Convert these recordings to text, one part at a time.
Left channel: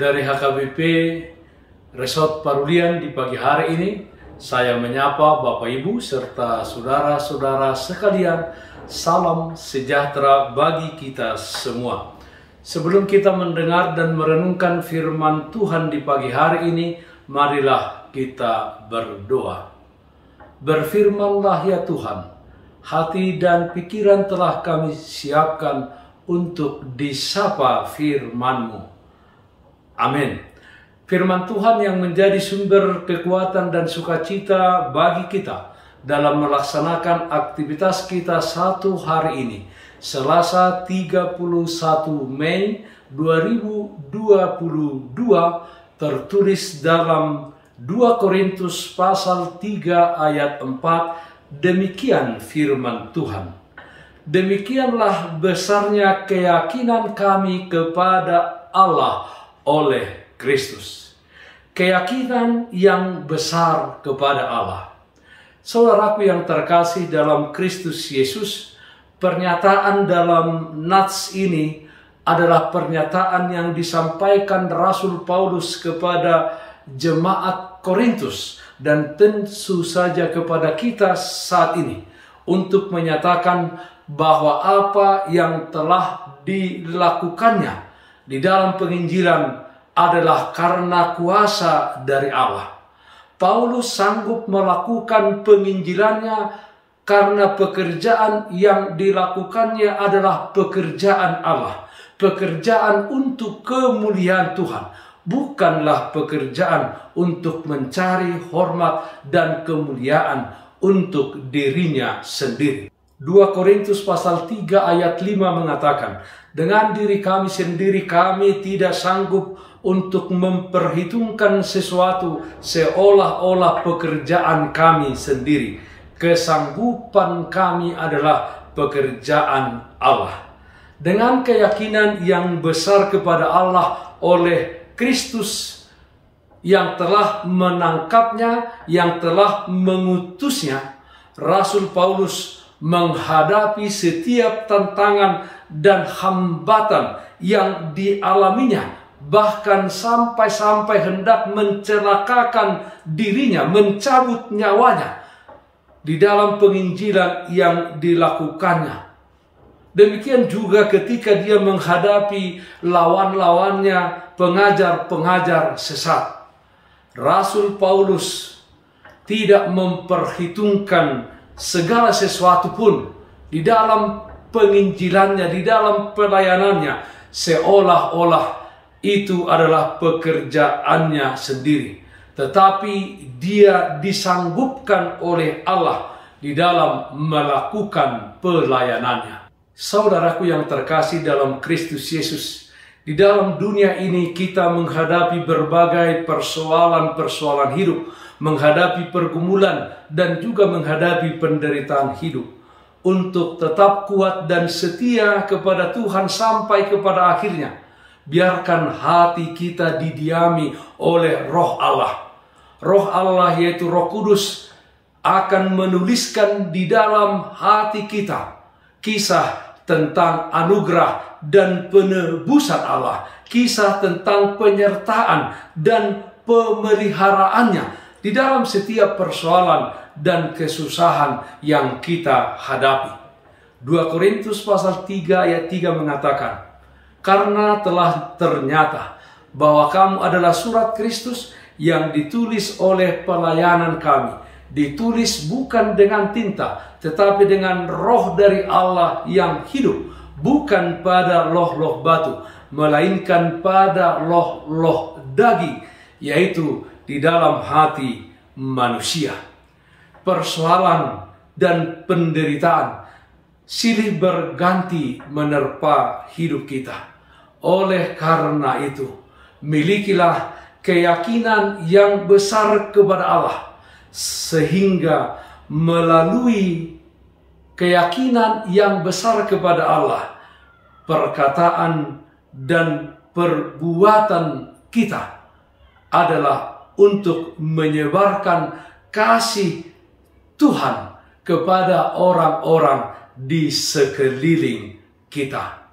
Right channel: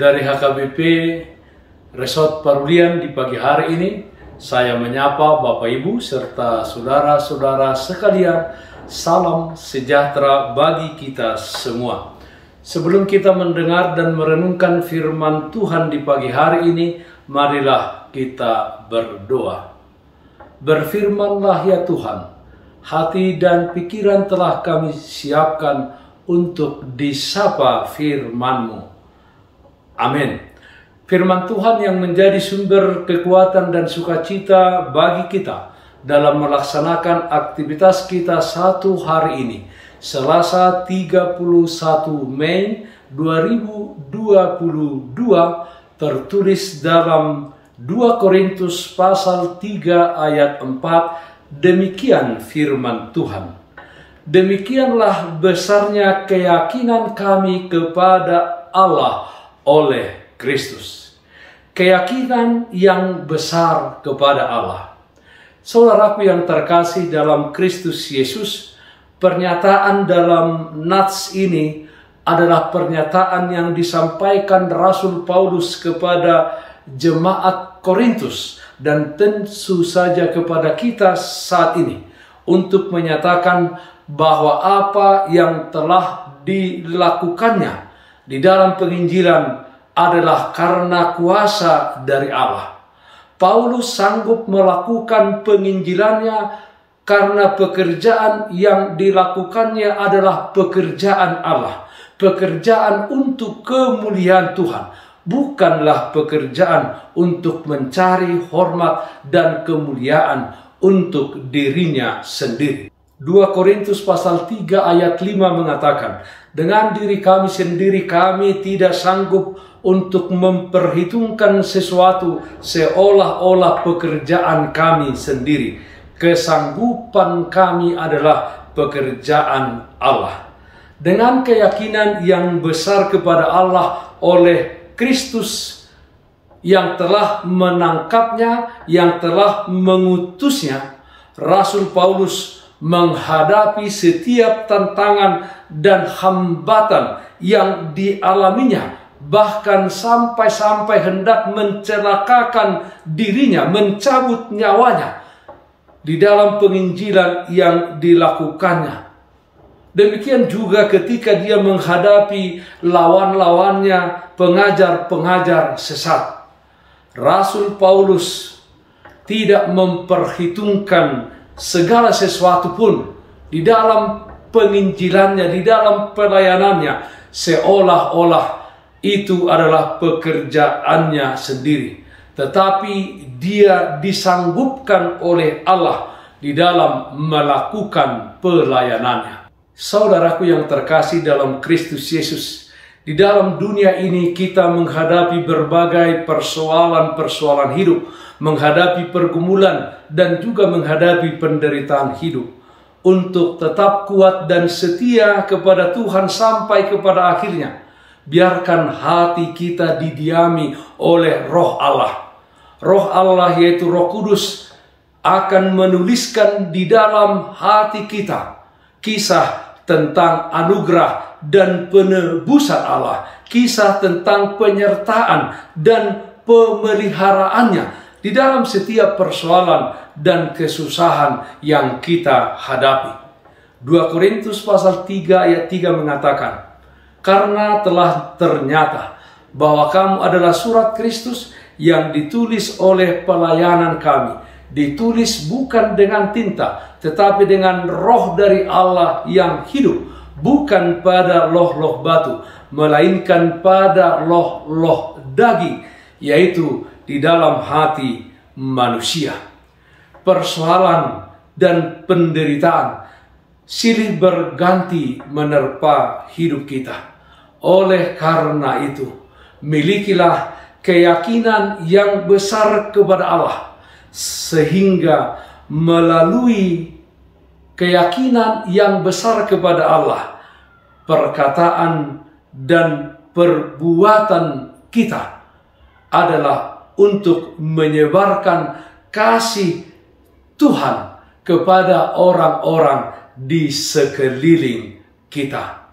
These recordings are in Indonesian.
Dari HKBP Resort Parulian di pagi hari ini, saya menyapa Bapak Ibu serta saudara-saudara sekalian. Salam sejahtera bagi kita semua. Sebelum kita mendengar dan merenungkan firman Tuhan di pagi hari ini, marilah kita berdoa. Berfirmanlah ya Tuhan, hati dan pikiran telah kami siapkan untuk disapa firman-Mu. Amin. Firman Tuhan yang menjadi sumber kekuatan dan sukacita bagi kita dalam melaksanakan aktivitas kita satu hari ini, Selasa 31 Mei 2022, tertulis dalam 2 Korintus pasal 3 ayat 4, demikian firman Tuhan. Demikianlah besarnya keyakinan kami kepada Allah oleh Kristus. Keyakinan yang besar kepada Allah. Saudaraku yang terkasih dalam Kristus Yesus, pernyataan dalam nats ini adalah pernyataan yang disampaikan Rasul Paulus kepada jemaat Korintus dan tentu saja kepada kita saat ini untuk menyatakan bahwa apa yang telah dilakukannya di dalam penginjilan adalah karena kuasa dari Allah. Paulus sanggup melakukan penginjilannya karena pekerjaan yang dilakukannya adalah pekerjaan Allah. Pekerjaan untuk kemuliaan Tuhan. Bukanlah pekerjaan untuk mencari hormat dan kemuliaan untuk dirinya sendiri. 2 Korintus pasal 3 ayat 5 mengatakan, dengan diri kami sendiri kami tidak sanggup untuk memperhitungkan sesuatu seolah-olah pekerjaan kami sendiri. Kesanggupan kami adalah pekerjaan Allah. Dengan keyakinan yang besar kepada Allah oleh Kristus yang telah menangkapnya, yang telah mengutusnya, Rasul Paulus menghadapi setiap tantangan dan hambatan yang dialaminya, bahkan sampai-sampai hendak mencelakakan dirinya, mencabut nyawanya di dalam penginjilan yang dilakukannya. Demikian juga ketika dia menghadapi lawan-lawannya, pengajar-pengajar sesat. Rasul Paulus tidak memperhitungkan segala sesuatu pun di dalam penginjilannya, di dalam pelayanannya, seolah-olah itu adalah pekerjaannya sendiri. Tetapi dia disanggupkan oleh Allah di dalam melakukan pelayanannya. Saudaraku yang terkasih dalam Kristus Yesus, di dalam dunia ini kita menghadapi berbagai persoalan-persoalan hidup, menghadapi pergumulan dan juga menghadapi penderitaan hidup. Untuk tetap kuat dan setia kepada Tuhan sampai kepada akhirnya, biarkan hati kita didiami oleh Roh Allah. Roh Allah yaitu Roh Kudus akan menuliskan di dalam hati kita kisah tentang anugerah dan penebusan Allah, kisah tentang penyertaan dan pemeliharaannya di dalam setiap persoalan dan kesusahan yang kita hadapi. 2 Korintus pasal 3 ayat 3 mengatakan, karena telah ternyata bahwa kamu adalah surat Kristus yang ditulis oleh pelayanan kami, ditulis bukan dengan tinta, tetapi dengan Roh dari Allah yang hidup, bukan pada loh-loh batu, melainkan pada loh-loh daging, yaitu di dalam hati manusia. Persoalan dan penderitaan silih berganti menerpa hidup kita. Oleh karena itu, milikilah keyakinan yang besar kepada Allah, sehingga melalui keyakinan yang besar kepada Allah, perkataan dan perbuatan kita adalah untuk menyebarkan kasih Tuhan kepada orang-orang di sekeliling kita.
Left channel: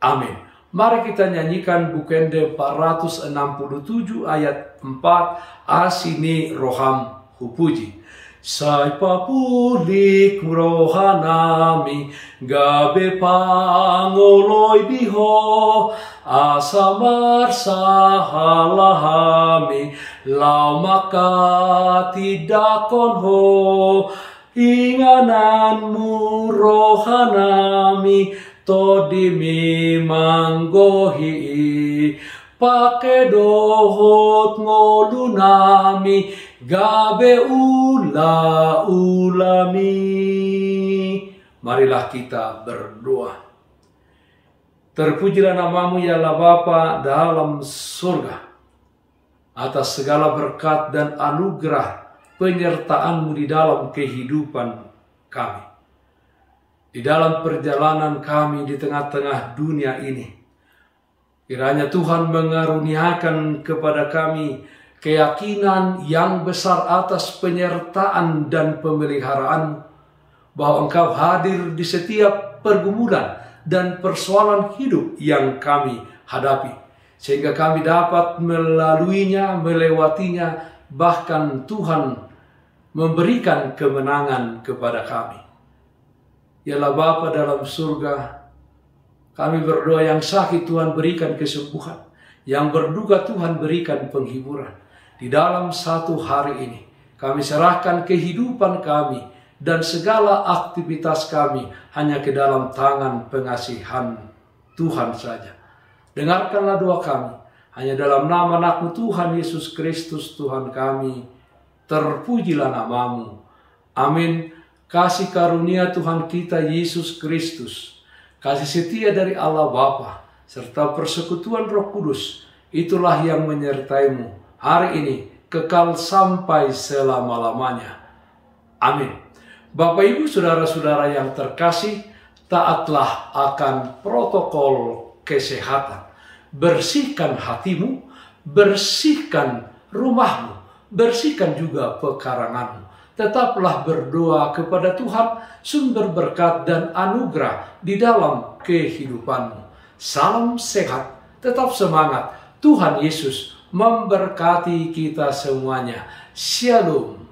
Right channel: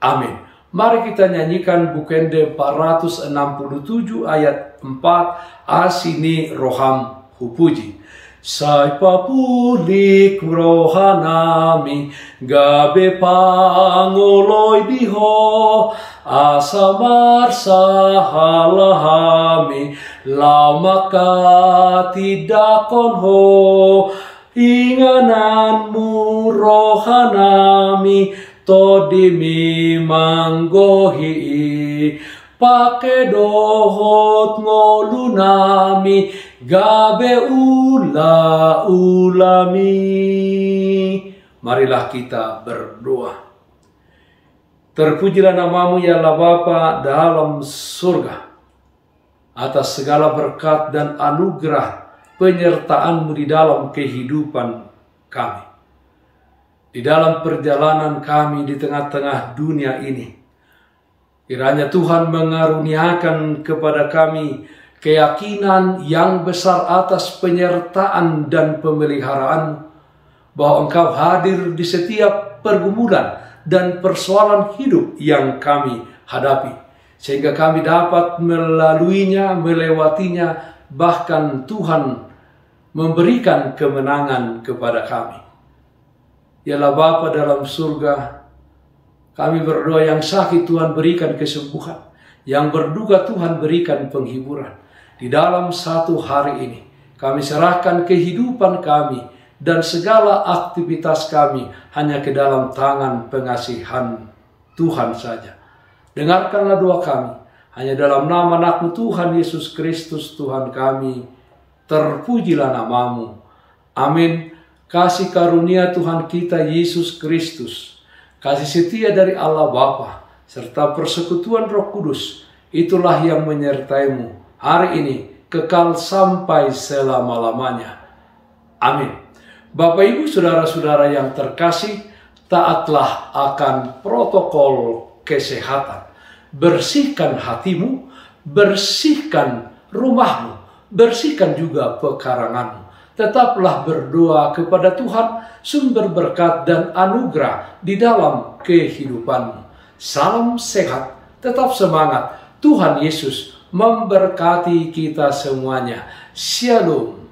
Amin. Mari kita nyanyikan Bukende 467 ayat 4, Asini roham hupuji. Sai papulik rohanami, gabe pangoloi biho, asamar sahalahami, lamaka tidak konho, ingananmu rohanami, todimi manggohi, pake dohot ngolunami, gabe ula ulami. Marilah kita berdoa. Terpujilah namamu ya Allah Bapa dalam surga, atas segala berkat dan anugerah penyertaan-Mu di dalam kehidupan kami. Di dalam perjalanan kami di tengah-tengah dunia ini, kiranya Tuhan mengaruniakan kepada kami keyakinan yang besar atas penyertaan dan pemeliharaan-Mu, bahwa Engkau hadir di setiap pergumulan dan persoalan hidup yang kami hadapi, sehingga kami dapat melaluinya, melewatinya, bahkan Tuhan memberikan kemenangan kepada kami. Yalah Bapa dalam surga, kami berdoa yang sakit Tuhan berikan kesembuhan, yang berduka Tuhan berikan penghiburan. Di dalam satu hari ini, kami serahkan kehidupan kami dan segala aktivitas kami hanya ke dalam tangan pengasihan Tuhan saja. Dengarkanlah doa kami, hanya dalam nama anak-Mu Tuhan Yesus Kristus Tuhan kami, terpujilah namamu. Amin. Kasih karunia Tuhan kita Yesus Kristus, kasih setia dari Allah Bapa, serta persekutuan Roh Kudus, itulah yang menyertai-Mu hari ini, kekal sampai selama-lamanya. Amin. Bapak, Ibu, Saudara-saudara yang terkasih, taatlah akan protokol kesehatan. Bersihkan hatimu, bersihkan rumahmu, bersihkan juga pekaranganmu. Tetaplah berdoa kepada Tuhan, sumber berkat dan anugerah di dalam kehidupanmu. Salam sehat, tetap semangat. Tuhan Yesus memberkati kita semuanya. Shalom.